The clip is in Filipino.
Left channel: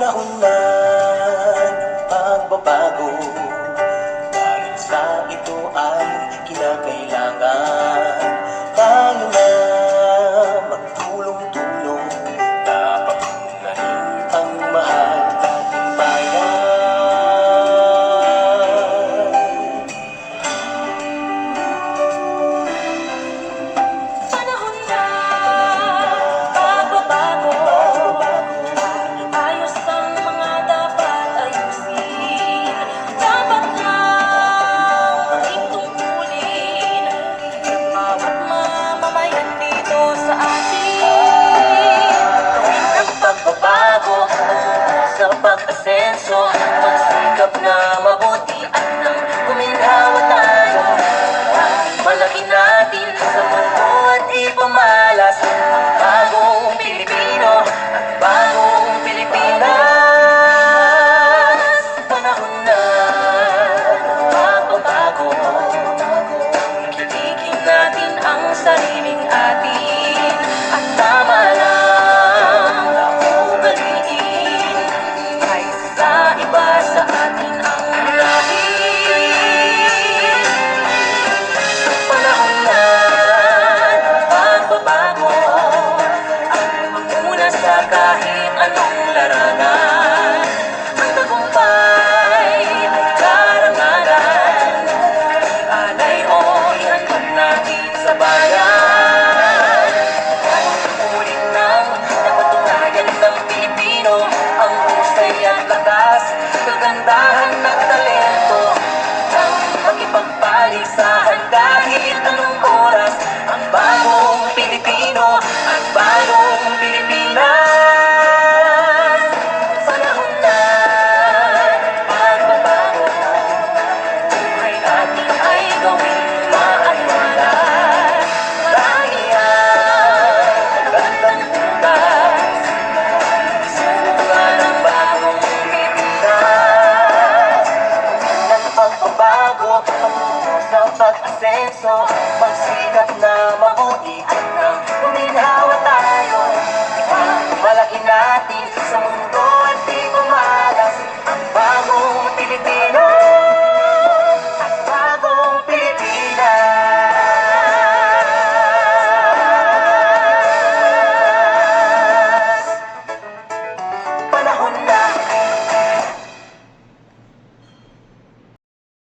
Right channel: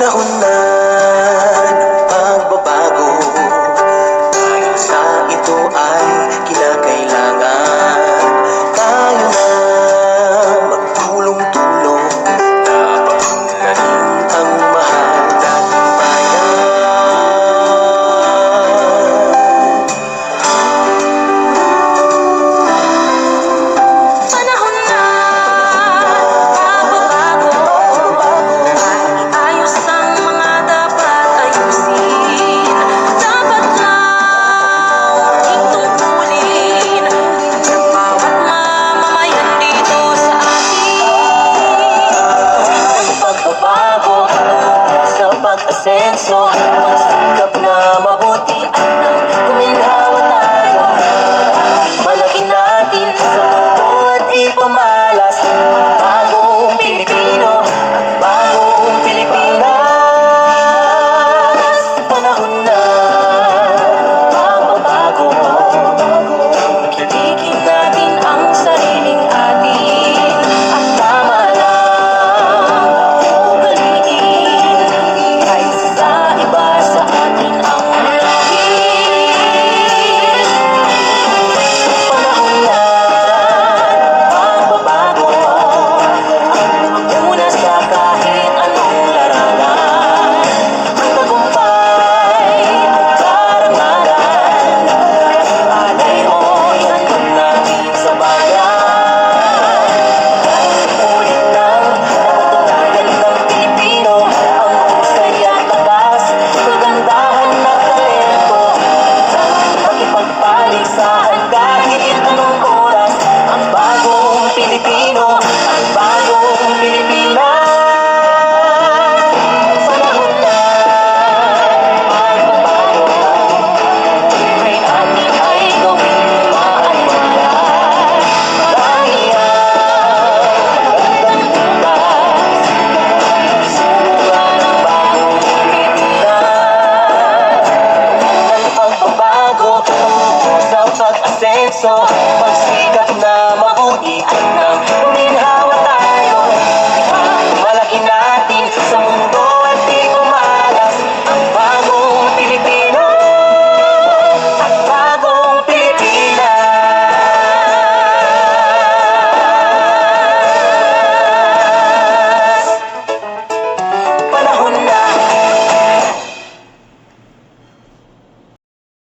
Panahon na ng pagbabago, dahil sa ito ay kinakailangan tayo na magtulong-tulong, napaunlarin ang mahal nating bayan. Panahon na pagbabago, ayos ang mga dapat ayusin. Dapat lang ating tungkulin ng bawat mamamayan dito sa atin. Ang pagbabago sa pag-asenso, hanggang sa